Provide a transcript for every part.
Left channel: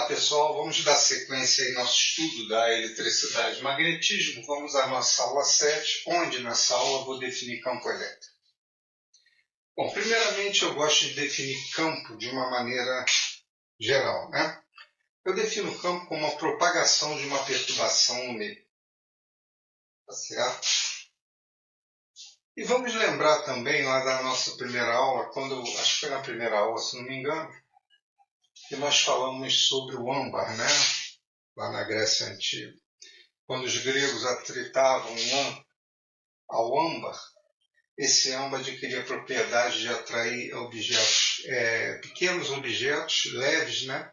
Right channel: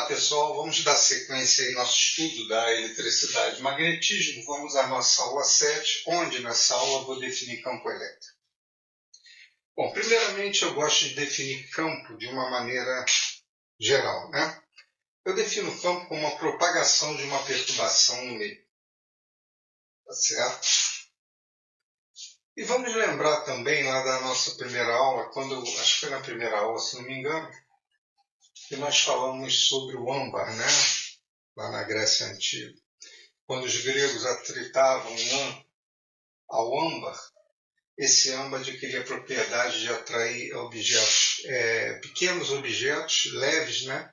Olá pessoal, vamos dar sequência em nosso estudo da eletricidade e magnetismo. Vamos à nossa aula 7, onde nessa aula eu vou definir campo elétrico. Bom, primeiramente eu gosto de definir campo de uma maneira geral, né? Eu defino o campo como a propagação de uma perturbação no meio. Tá certo? E vamos lembrar também lá da nossa primeira aula, acho que foi na primeira aula, se não me engano, que nós falamos sobre o âmbar, né? Lá na Grécia Antiga. Quando os gregos atritavam ao âmbar, esse âmbar adquiria a propriedade de atrair pequenos objetos leves, né?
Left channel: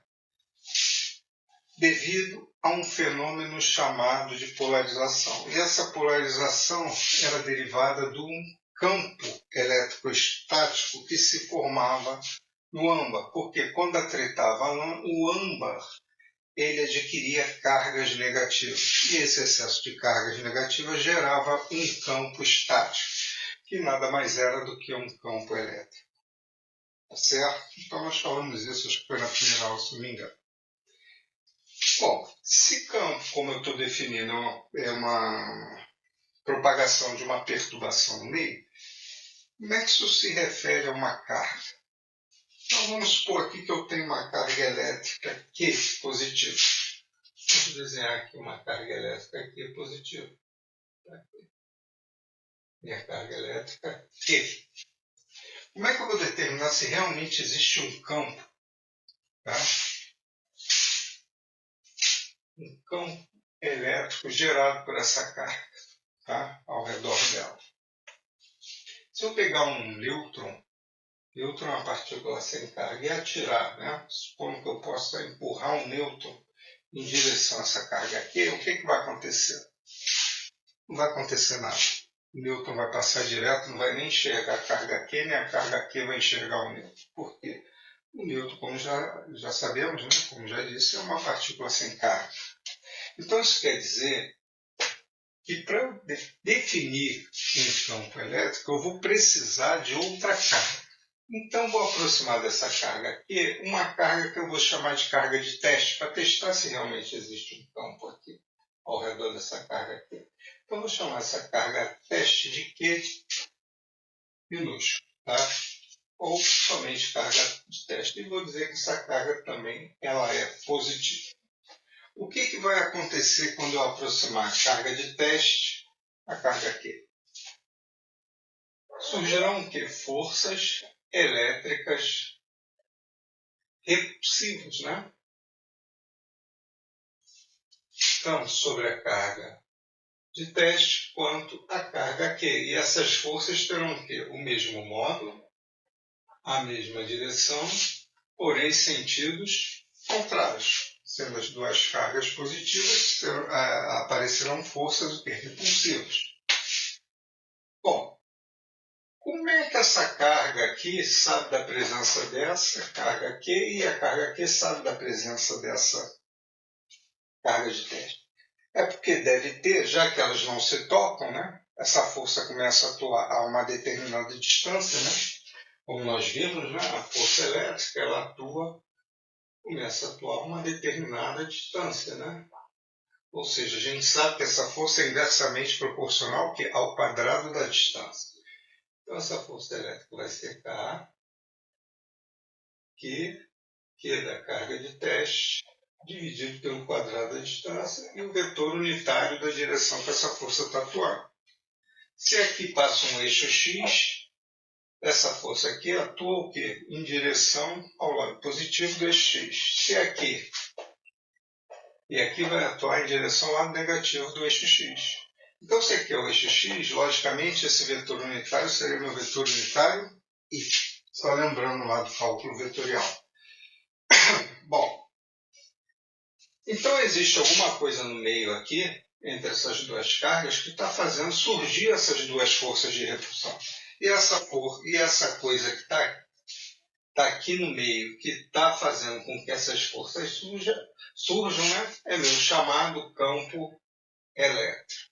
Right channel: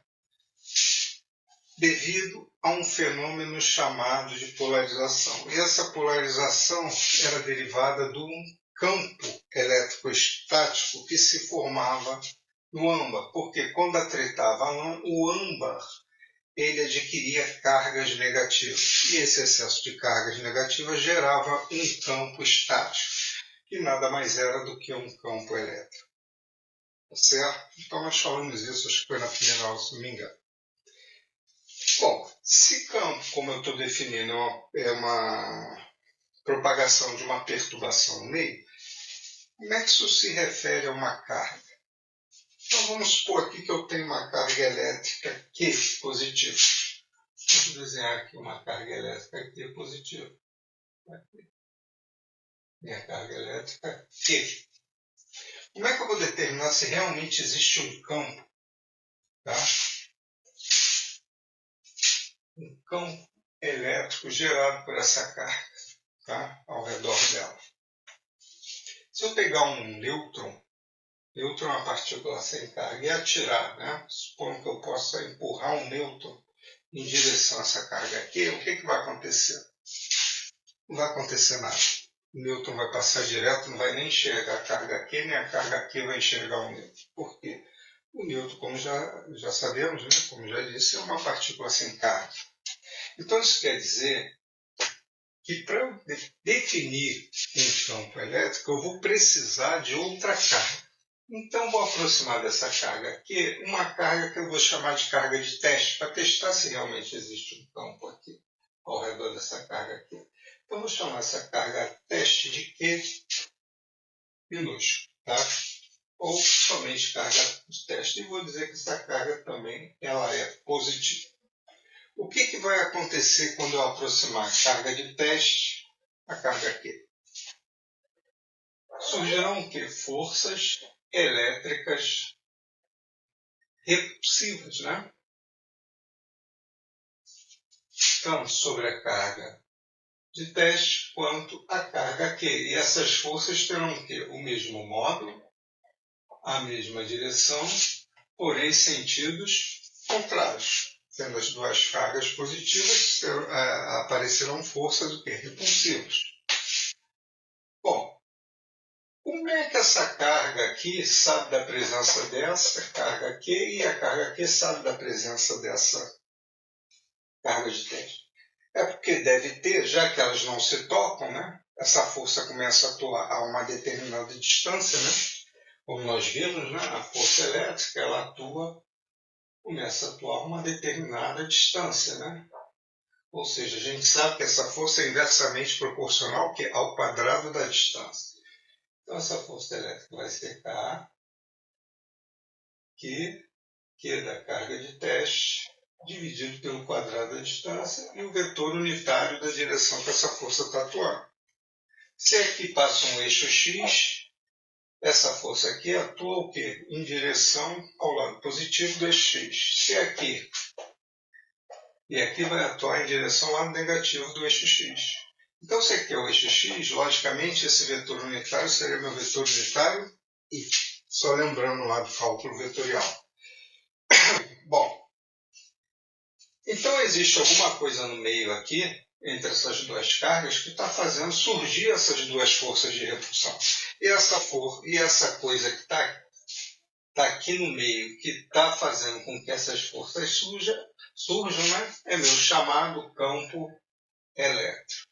Devido a um fenômeno chamado de polarização. E essa polarização era derivada de um campo elétrico-estático que se formava no âmbar, porque quando atritava o âmbar, ele adquiria cargas negativas. E esse excesso de cargas negativas gerava um campo estático, que nada mais era do que um campo elétrico. Tá certo? Então nós falamos isso, acho que foi na primeira aula, se não me engano. Bom, se campo, como eu estou definindo, é uma propagação de uma perturbação no meio, como é que isso se refere a uma carga? Então vamos supor aqui que eu tenho uma carga elétrica Q positiva. Vamos desenhar aqui uma carga elétrica Q positiva. Aqui. Minha carga elétrica Q. Como é que eu vou determinar se realmente existe um campo? Tá? Um campo elétrico gerado por essa carga, tá? Ao redor dela. Se eu pegar um nêutron é uma partícula sem carga, e atirar, né? Supondo que eu possa empurrar um nêutron em direção a essa carga Q, o que vai acontecer? Não vai acontecer nada. O nêutron vai passar direto, não vai nem enxergar a carga Q, nem a carga Q vai enxergar o nêutron. Por quê? O nêutron, como já sabemos, né? Como já disse, é uma partícula sem carga. Então isso quer dizer que para eu definir um campo elétrico, eu vou precisar de outra carga. Então vou aproximar dessa carga aqui, uma carga que eu vou chamar de carga de teste, para testar se realmente existe um campo aqui, ao redor dessa carga aqui. Então vou chamar essa carga teste de Q minúsculo, tá? Ou somente carga de teste. E vou dizer que essa carga também ela é positiva. O que vai acontecer quando eu aproximar a carga de teste à carga Q? Surgirão o quê? Forças elétricas repulsivas, né? Tanto sobre a carga de teste quanto a carga Q. E essas forças terão o quê? O mesmo módulo, a mesma direção, porém sentidos contrários. Sendo as duas cargas positivas, aparecerão forças repulsivas. Bom, como é que essa carga aqui sabe da presença dessa carga Q e a carga Q sabe da presença dessa carga de teste? É porque deve ter, já que elas não se tocam, né? Essa força começa a atuar a uma determinada distância, né? Como nós vimos, né? A força elétrica ela começa a atuar a uma determinada distância, né? Ou seja, a gente sabe que essa força é inversamente proporcional ao quadrado da distância. Então essa força elétrica vai ser K, Q da carga de teste, dividido pelo quadrado da distância e o vetor unitário da direção que essa força está atuando. Se aqui passa um eixo X, essa força aqui atua o quê? Em direção ao lado positivo do eixo X. Se aqui e aqui vai atuar em direção ao lado negativo do eixo X. Então, se aqui é o eixo X, logicamente esse vetor unitário seria meu vetor unitário Y. Só lembrando lá do cálculo vetorial. Bom, então existe alguma coisa no meio aqui, entre essas duas cargas, que está fazendo surgir essas duas forças de repulsão. E essa coisa que está aqui no meio, que está fazendo com que essas forças surjam, né? É meu chamado campo elétrico.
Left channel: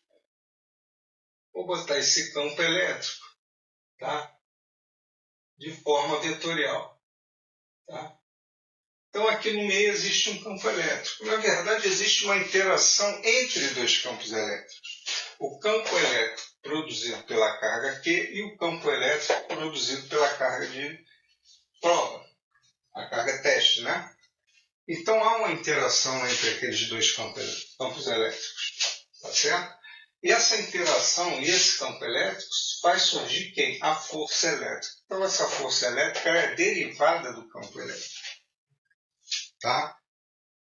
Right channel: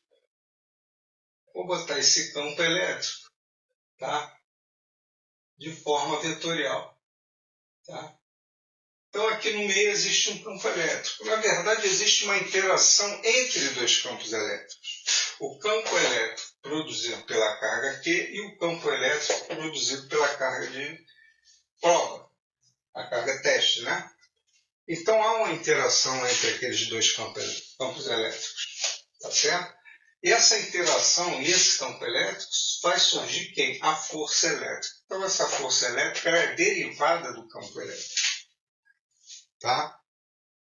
Vou botar esse campo elétrico, tá? De forma vetorial. Tá? Então, aqui no meio existe um campo elétrico. Na verdade, existe uma interação entre dois campos elétricos. O campo elétrico produzido pela carga Q e o campo elétrico produzido pela carga de prova, a carga teste, né? Então, há uma interação entre aqueles dois campos elétricos, tá certo? E essa interação e esse campo elétrico faz surgir quem? A força elétrica. Então, essa força elétrica é derivada do campo elétrico. Tá?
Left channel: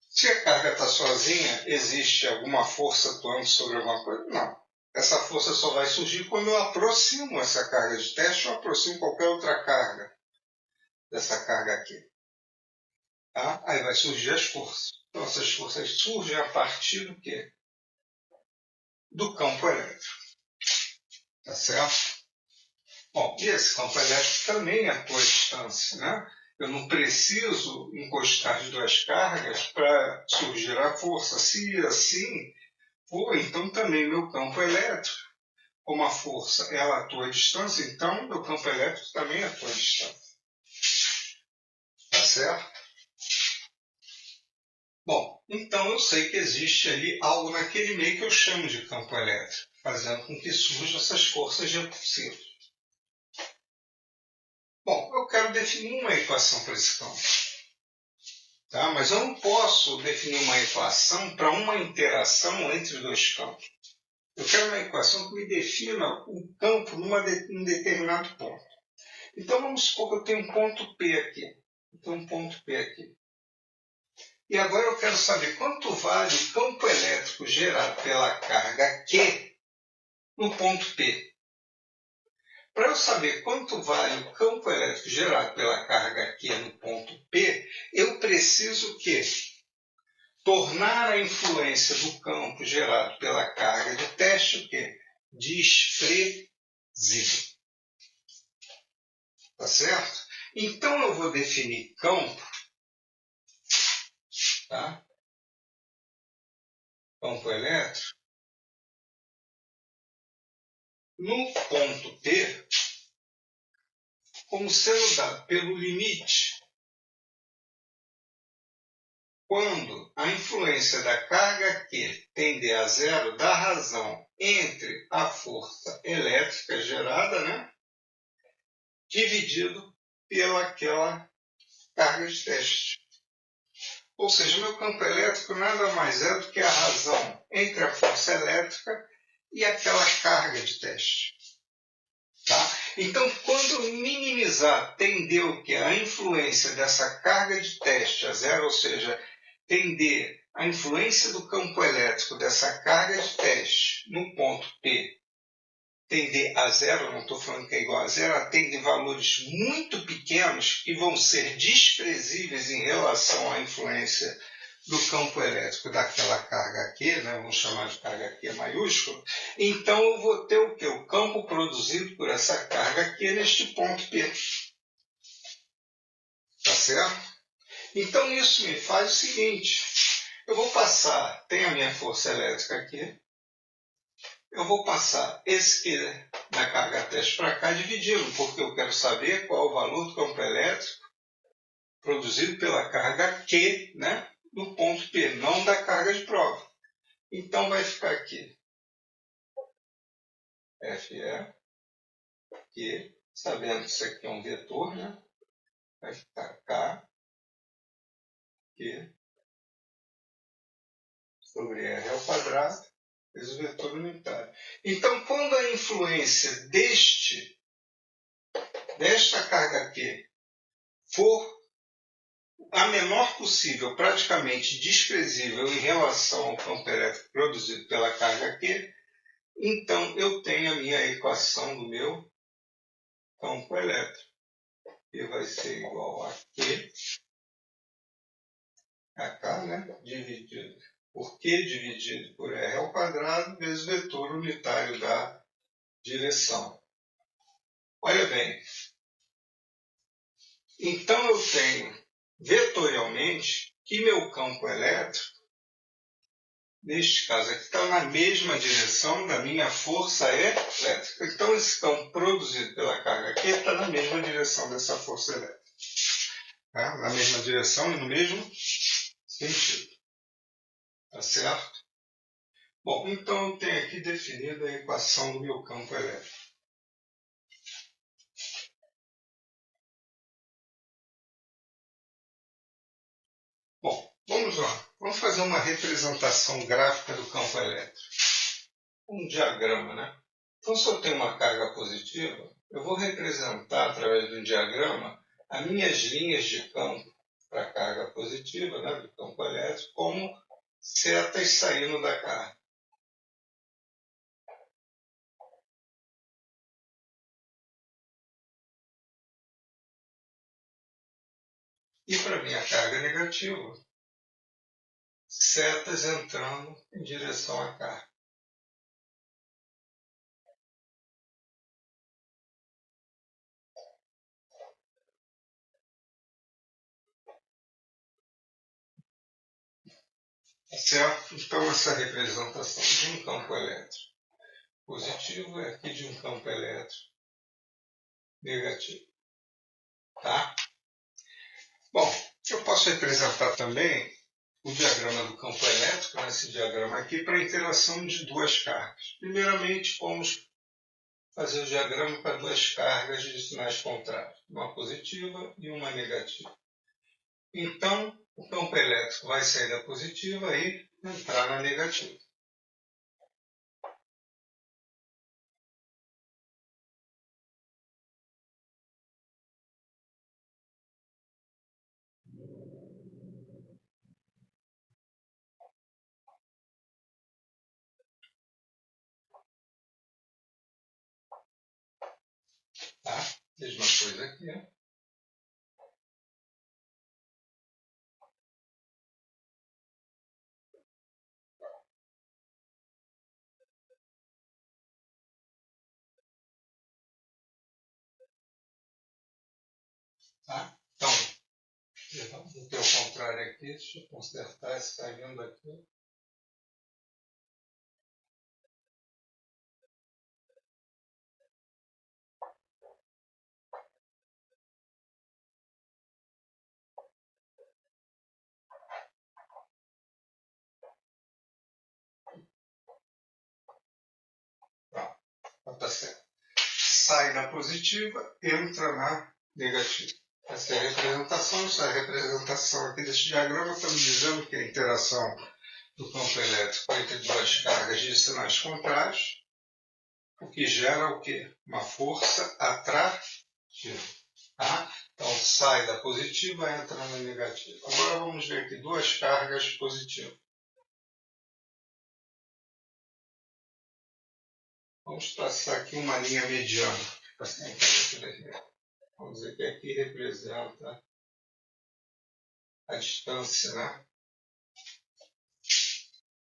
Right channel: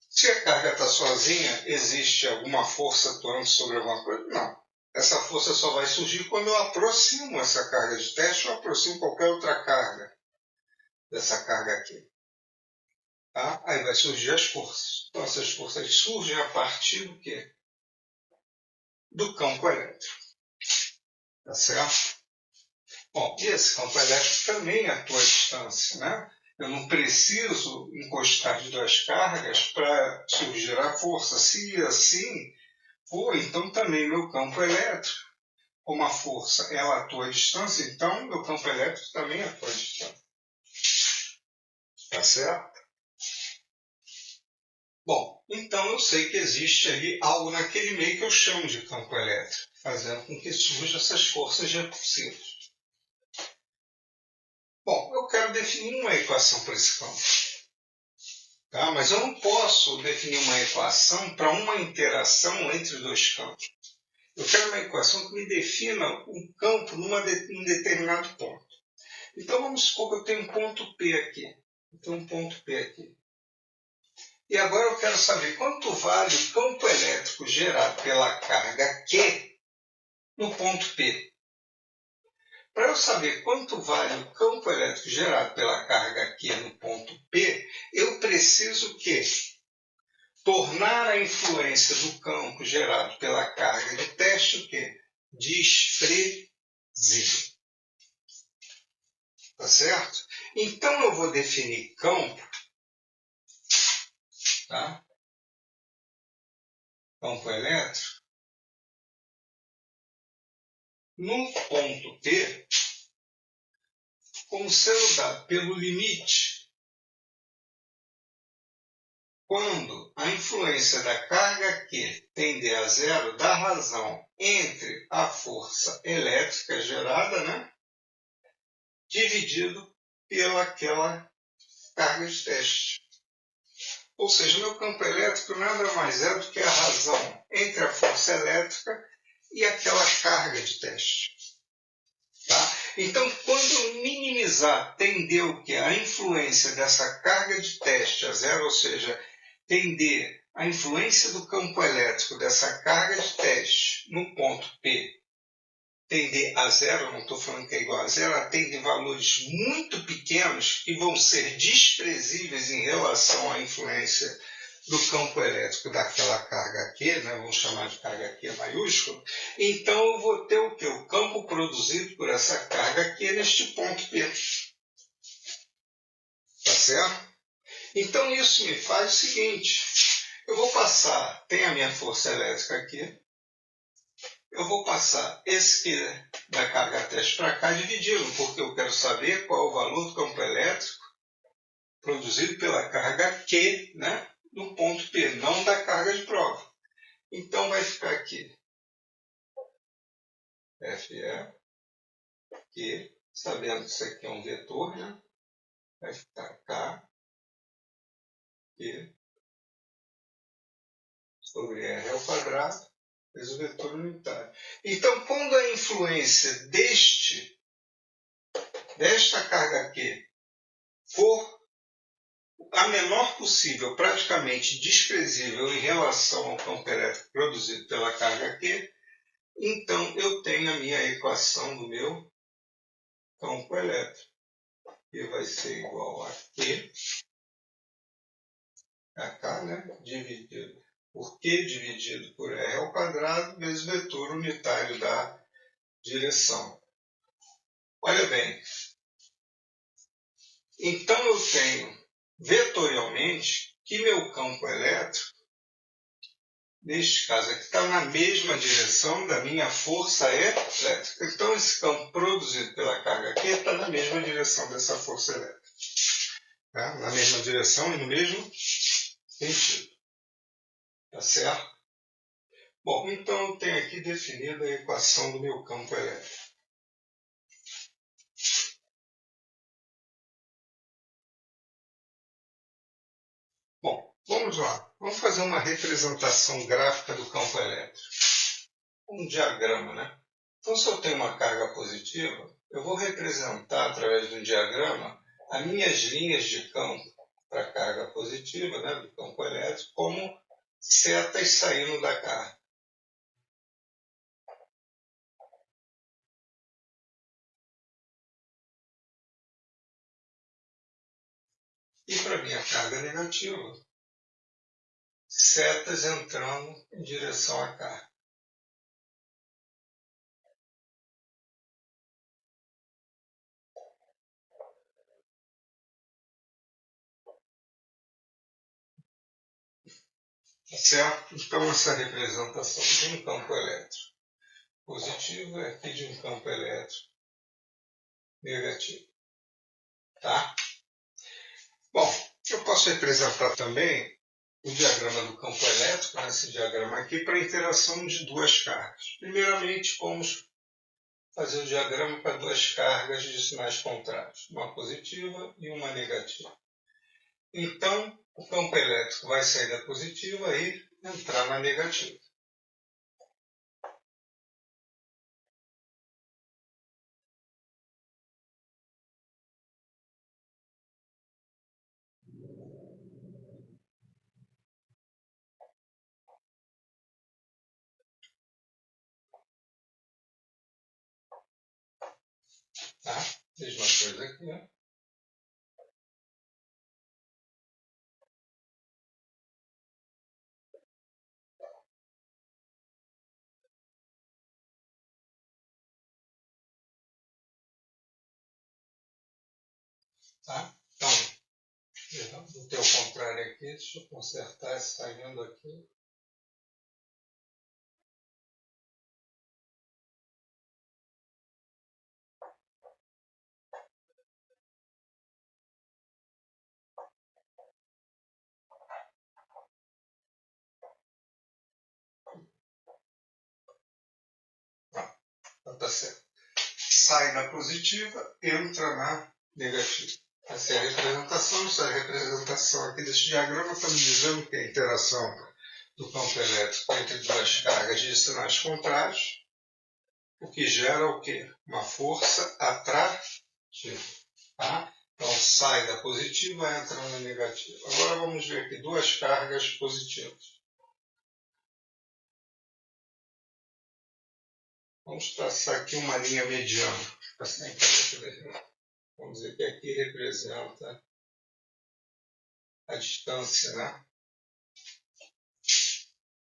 Se a carga está sozinha, existe alguma força atuando sobre alguma coisa? Não. Essa força só vai surgir quando eu aproximo essa carga de teste ou aproximo qualquer outra carga dessa carga aqui. Tá? Aí vai surgir as forças. Então, essas forças surgem a partir do quê? Do campo elétrico. Tá certo? Bom, e esse campo elétrico também atua à distância, né? Eu não preciso encostar as duas cargas para surgir a força. Se assim for, então também meu campo elétrico, como a força ela atua à distância, então meu campo elétrico também atua à distância. Tá certo? Bom, então eu sei que existe ali algo naquele meio que eu chamo de campo elétrico, fazendo com que surjam essas forças repulsivas. Bom, eu quero definir uma equação para esse campo. Tá? Mas eu não posso definir uma equação para uma interação entre dois campos. Eu quero uma equação que me defina um campo num determinado ponto. Então vamos supor que eu tenho um ponto P aqui. Eu tenho um ponto P aqui. E agora eu quero saber quanto vale o campo elétrico gerado pela carga Q no ponto P. Para eu saber quanto vale o campo elétrico gerado pela carga Q no ponto P, eu preciso que tornar a influência do campo gerado pela carga de teste o quê? Desprezível. Tá certo? Então eu vou definir campo, tá? Campo elétrico, no ponto P, como sendo dado pelo limite quando a influência da carga Q tende a zero, dá razão entre a força elétrica gerada, né, dividido pelaquela carga de teste. Ou seja, meu campo elétrico nada mais é do que a razão entre a força elétrica e aquela carga de teste. Tá? Então, quando minimizar, tender o que? A influência dessa carga de teste a zero, ou seja, tender a influência do campo elétrico dessa carga de teste no ponto P, tender a zero, não estou falando que é igual a zero, ela tende valores muito pequenos que vão ser desprezíveis em relação à influência do campo elétrico daquela carga Q, né? Vamos chamar de carga Q maiúsculo, então eu vou ter o quê? O campo produzido por essa carga Q neste ponto P. Tá certo? Então isso me faz o seguinte, eu vou passar, tem a minha força elétrica aqui, eu vou passar esse Q da carga teste para cá, dividi-lo, porque eu quero saber qual é o valor do campo elétrico produzido pela carga Q, né, no ponto P, não da carga de prova. Então vai ficar aqui FE, Q, sabendo que isso aqui é um vetor, né, vai ficar K, Q, sobre R ao quadrado, vezes o vetor unitário. Então, quando a influência desta carga Q for a menor possível, praticamente desprezível em relação ao campo elétrico produzido pela carga Q, então eu tenho a minha equação do meu campo elétrico, que vai ser igual a Q, K, né, dividido por Q dividido por R ao quadrado, vezes o vetor unitário da direção. Olha bem, então eu tenho vetorialmente que meu campo elétrico, neste caso aqui, está na mesma direção da minha força elétrica. Então esse campo produzido pela carga aqui está na mesma direção dessa força elétrica. tá? Na mesma direção e no mesmo sentido. Tá certo? Bom, então eu tenho aqui definida a equação do meu campo elétrico. Bom, vamos lá. Vamos fazer uma representação gráfica do campo elétrico. Um diagrama, né? Então, se eu tenho uma carga positiva, eu vou representar através de um diagrama as minhas linhas de campo para a carga positiva, né, do campo elétrico, como setas saindo da carga. E para a minha carga negativa, setas entrando em direção à carga. Tá certo? Então, essa representação de um campo elétrico positivo é aqui de um campo elétrico negativo. Tá? Bom, eu posso representar também o diagrama do campo elétrico, esse diagrama aqui, para a interação de duas cargas. Primeiramente, vamos fazer o diagrama para duas cargas de sinais contrários, uma positiva e uma negativa. Então, o campo elétrico vai sair da positiva e entrar na negativa. Tá? Mesma coisa aqui. Né? Tá? Então, vou ter o contrário aqui. Deixa eu consertar saindo aqui. Tá certo. Sai da positiva, entra na negativa. Essa é a representação. Essa representação aqui desse diagrama está me dizendo que a interação do campo elétrico entre duas cargas de sinais contrários, o que gera o quê? Uma força atrativa. Tá? Então sai da positiva, entra na negativa. Agora vamos ver aqui duas cargas positivas. Vamos traçar aqui uma linha mediana. Vamos dizer que aqui representa a distância, né?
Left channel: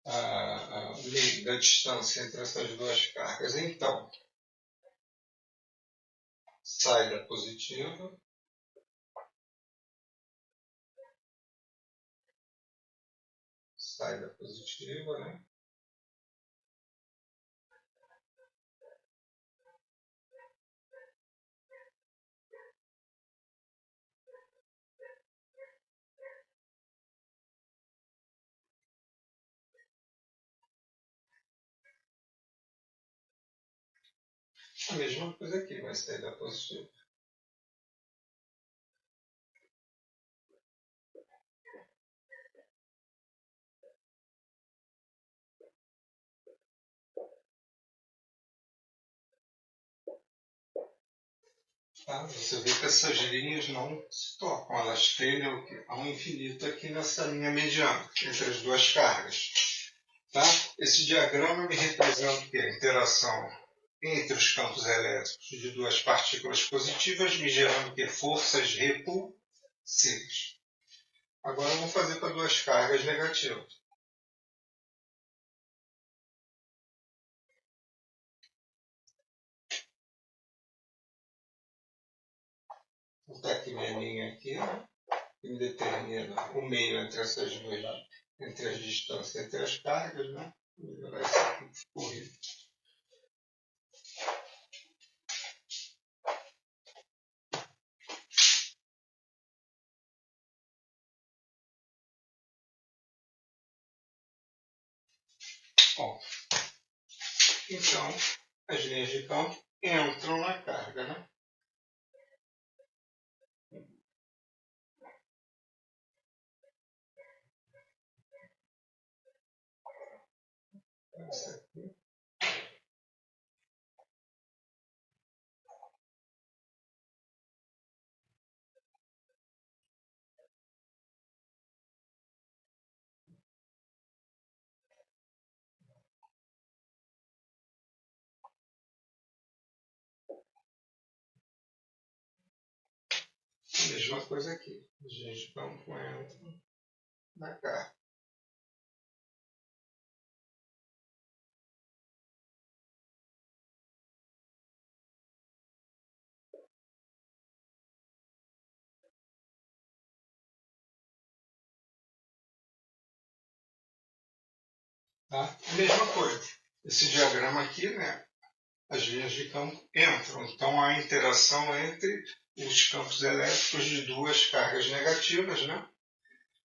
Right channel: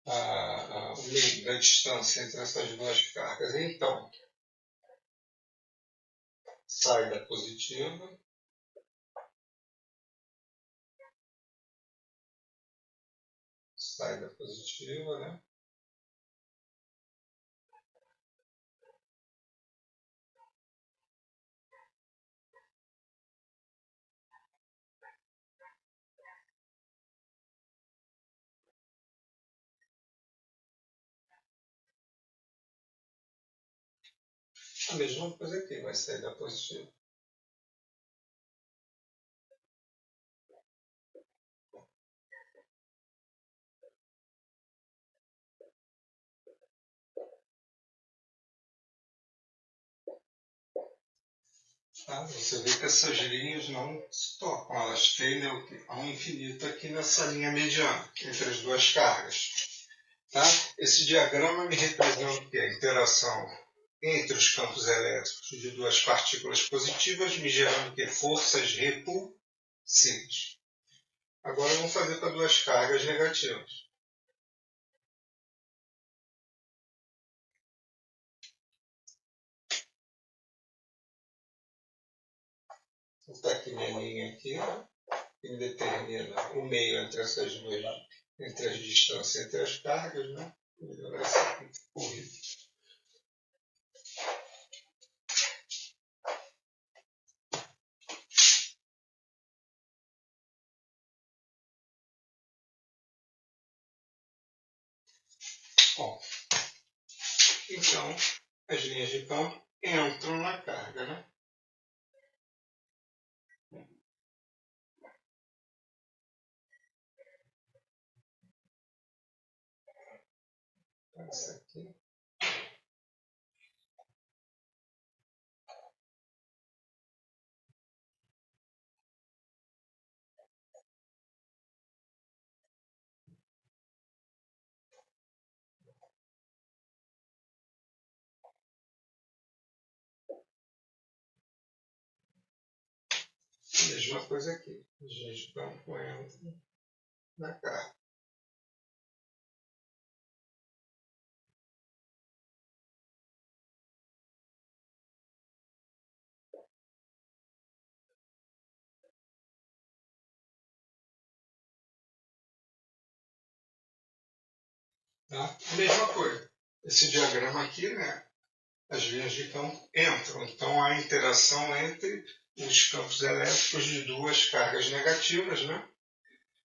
O meio da distância entre essas duas cargas. Então, sai da positiva, né? A mesma coisa aqui, vai sair da positiva. Tá? Você vê que essas linhas não se tocam, elas tendem ao infinito aqui nessa linha mediana, entre as duas cargas. Tá? Esse diagrama me representa o quê? A interação entre os campos elétricos de duas partículas positivas, me gerando o quê? Forças repulsivas. Agora vamos fazer para duas cargas negativas. Vou botar aqui minha linha aqui, que determina o meio entre essas duas, entre as distâncias entre as cargas, né? Vou melhorar essa aqui que ficou horrível. então as linhas de campo entram na carga, né? Isso aqui. A mesma coisa aqui. As linhas de campo entram na carga. Tá? A mesma coisa. Esse diagrama aqui, né? As linhas de campo entram. Então, há interação entre os campos elétricos de duas cargas negativas, né?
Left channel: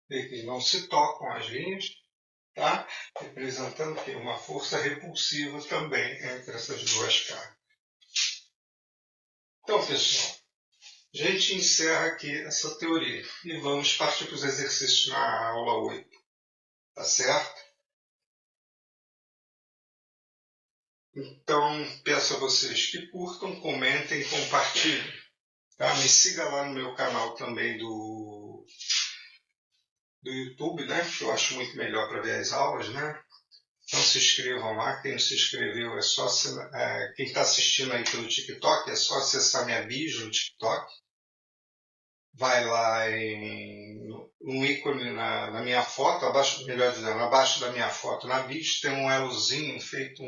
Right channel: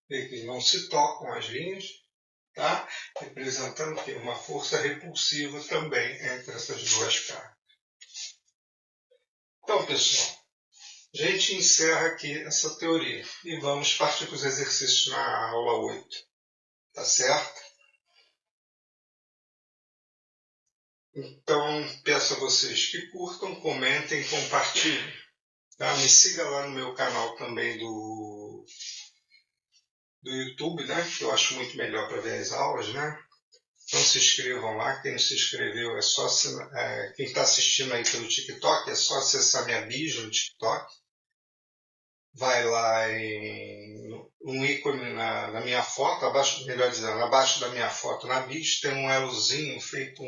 Que não se tocam as linhas, tá? Representando que uma força repulsiva também entre essas duas cargas. Então, pessoal, a gente encerra aqui essa teoria e vamos partir para os exercícios na aula 8. Tá certo? Então, peço a vocês que curtam, comentem, compartilhem. Tá? Me siga lá no meu canal também do YouTube, né? Que eu acho muito melhor para ver as aulas, né? Então se inscrevam lá. Quem não se inscreveu é só quem está assistindo aí pelo TikTok é só acessar minha bio no TikTok. Vai lá em um ícone na minha foto, abaixo, melhor dizendo, abaixo da minha foto na bio tem um elozinho feito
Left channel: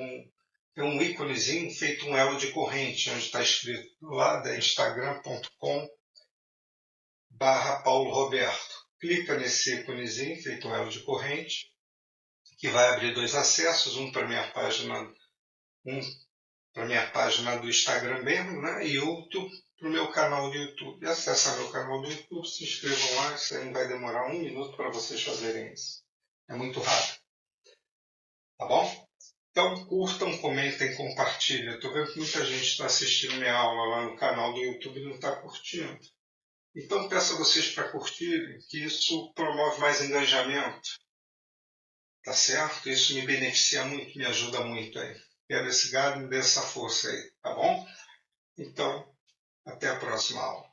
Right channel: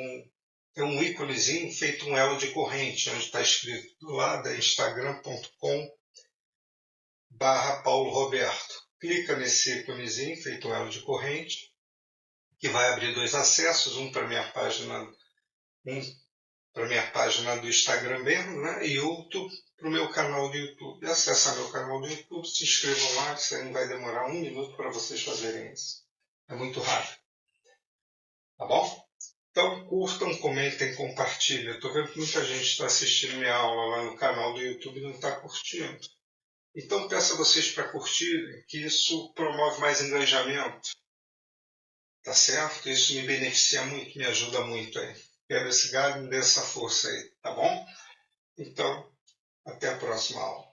tem um íconezinho feito um elo de corrente, onde está escrito do lado é instagram.com/Paulo Roberto. Clica nesse íconezinho feito um elo de corrente, que vai abrir dois acessos, um para minha página do Instagram mesmo, né? E outro para o meu canal do YouTube. Acesse meu canal do YouTube, se inscrevam lá, que não vai demorar 1 minuto para vocês fazerem isso. É muito rápido. Tá bom? Então curtam, comentem, compartilhem. Estou vendo que muita gente está assistindo minha aula lá no canal do YouTube e não está curtindo. Então peço a vocês para curtirem, que isso promove mais engajamento. Tá certo? Isso me beneficia muito, me ajuda muito aí. Quero esse gado, me dê essa força aí, tá bom? Então, até a próxima aula.